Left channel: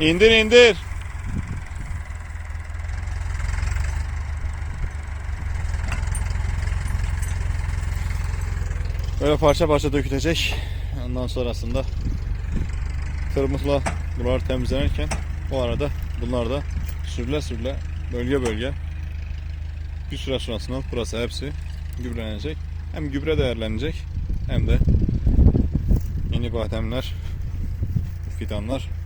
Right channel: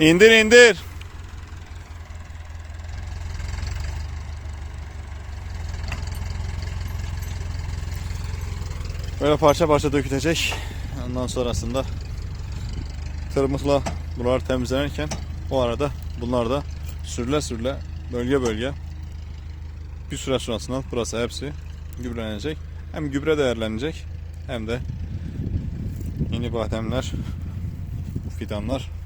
İndir indir. Böyle parça parça dökülecek. Ondan sonrasında tırmıkla buraları temizlenirken o arada bunlar da sürüle sürüle bölge bölge bir süre sonrasında burası hepsi gübrelenecek. Hem gübre değerlenecek hem de yeni bademler, fidanlar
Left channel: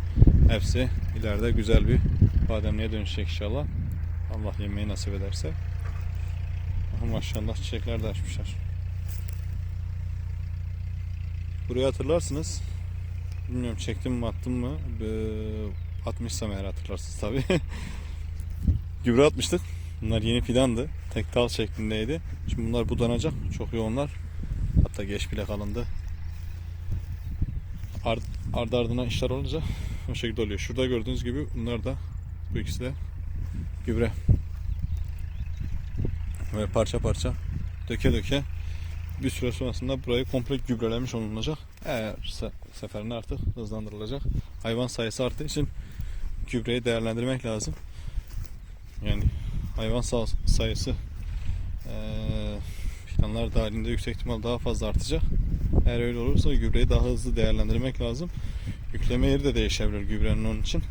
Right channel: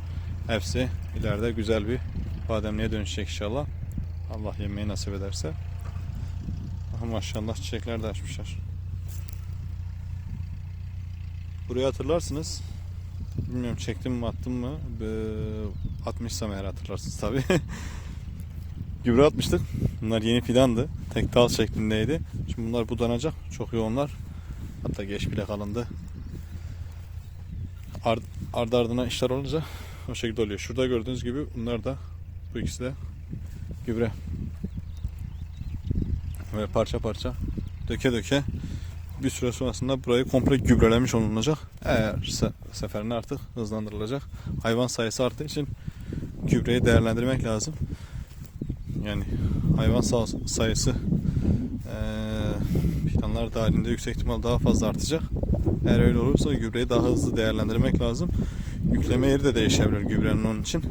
hepsi ileride güzel bir bademliğe dönüşecek inşallah. Allah yemeği nasip ederse. Aha maşallah çiçekler de açmışlar. Burayı hatırlarsınız. Bilmiyorum çektim mi attım mı? Atmışsam eğer hatırlarsınız tabi. Gübre atmıştık. Bunlar yeni fidandı. Tek dal şeklindeydi. Şimdi bunlar budanacak. Çok yoğunlar. Hatta geç bile kalındı. Ard, ardı ardına işler olunca o şekilde oluyor. Şurada gördüğünüz gibi bunlar da bu ikisi de gübre. Ve parça parça döke döke bir süre sonrasında burayı komple gübrelemiş olunacak. Eğer se- seferinde artık hızlandırılacak. Hayvan sayısı arttığı için gübreyi değerlendirmek lazım. Yani hayvan sa- sayısı eee fidanlar dahilinde yüksek ihtimal daha fazla artacak. Eğer öyle olursa gübreyi daha hızlı değerlendirmek lazım. Yükleme yeri de değişebilir gübrenin onun için.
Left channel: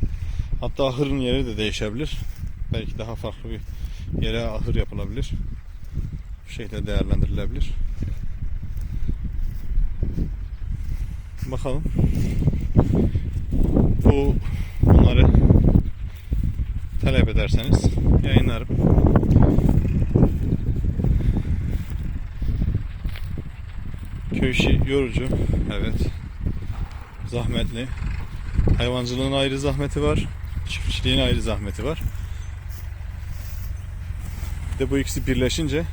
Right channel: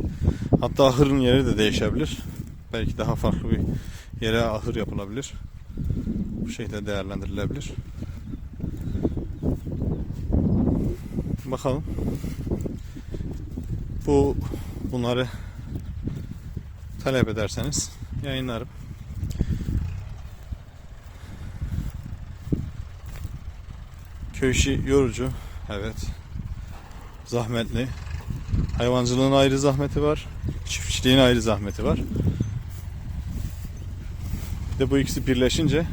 Hatta ahırın yeri de değişebilir. Belki daha farklı bir yere ahır yapılabilir. Bu şekilde değerlendirilebilir. Bakalım. Bu bunları talep ederseniz yayınlarım. Köy yorucu. Evet. Zahmetli. Hayvancılığın ayrı zahmeti var. Çiftçiliğin ayrı zahmeti var. Bir de bu ikisi birleşince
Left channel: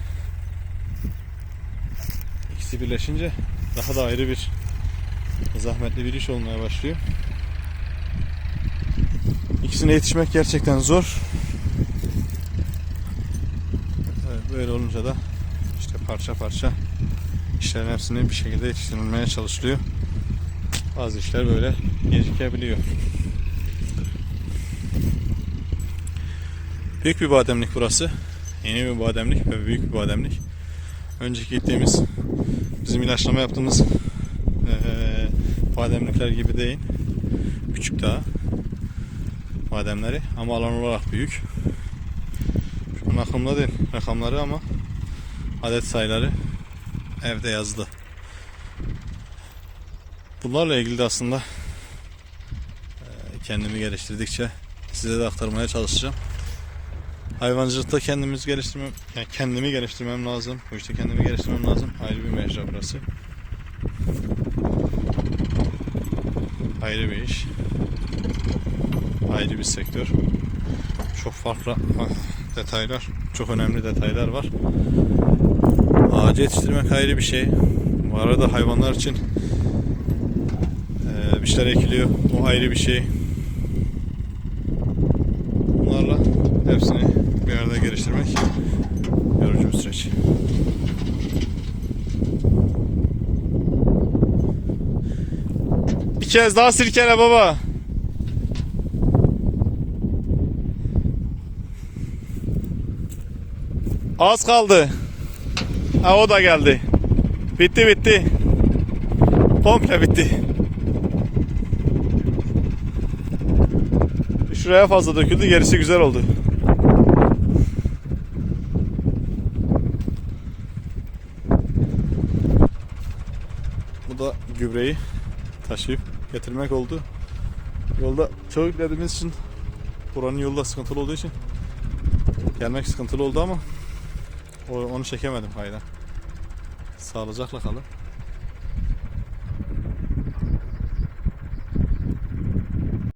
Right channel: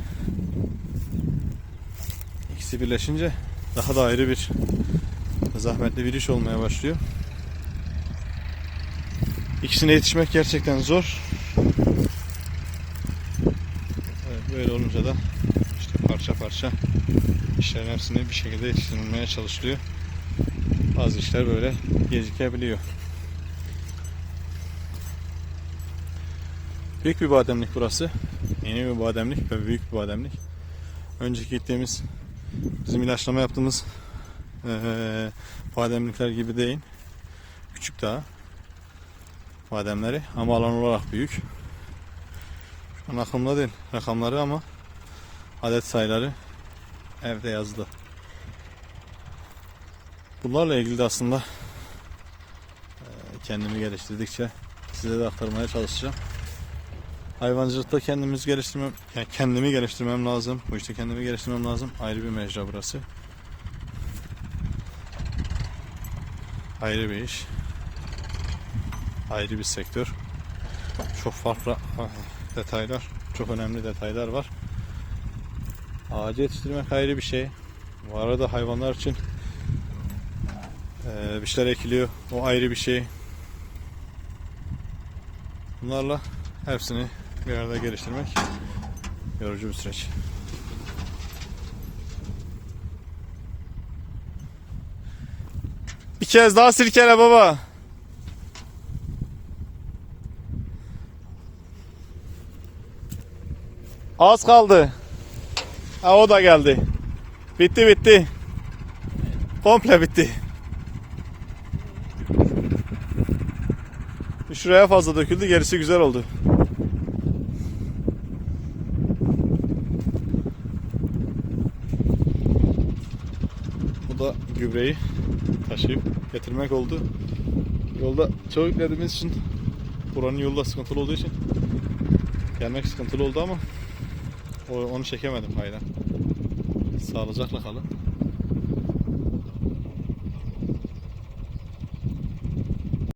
ikisi birleşince daha da ayrı bir zahmetli bir iş olmaya başlıyor. İkisine yetişmek gerçekten zor. Böyle olunca da işte parça parça işlerin hepsini bir şekilde yetiştirilmeye çalışılıyor. Bazı işler böyle gecikebiliyor. Büyük bir bademlik burası. Yeni bir bademlik ve büyük bir bademlik. Önceki gittiğimiz bizim ilaçlama yaptığımız eee bademlikler gibi değil. Küçük daha bademleri ama alan olarak büyük. Şu an aklımda değil rakamları ama adet sayıları evde yazılı. Bunlarla ilgili de aslında eee, kendimi geliştirdikçe size de aktarmaya çalışacağım. Hayvancılıkta kendimiz geliştirmem, yani kendimi geliştirmem lazım. Bu işte kendimi geliştirmem lazım. Ayrı bir mecra burası. Ayrı bir iş. Ayrı bir sektör. Çok farklı ah, detaylar, çok önemli detaylar var. Ağacı yetiştirmek ayrı bir şey. Bu arada hayvanlar için bir şeyler ekiliyor. O ayrı bir şey. Bunlarla hepsini bir arada geliştirmek yorucu bir süreç. Bir kez daha silkele baba. Az kaldı. Ha o da geldi. Bitti bitti. Komple bitti. Şuraya fazla döküldü gerisi güzel oldu. Bu da gübreyi taşıyıp getirmek oldu. Yolda çok yüklediğimiz için buranın yolu da sıkıntılı olduğu için gelmek sıkıntılı oldu ama onu çekemedim hayda. Sağlıcakla kalın.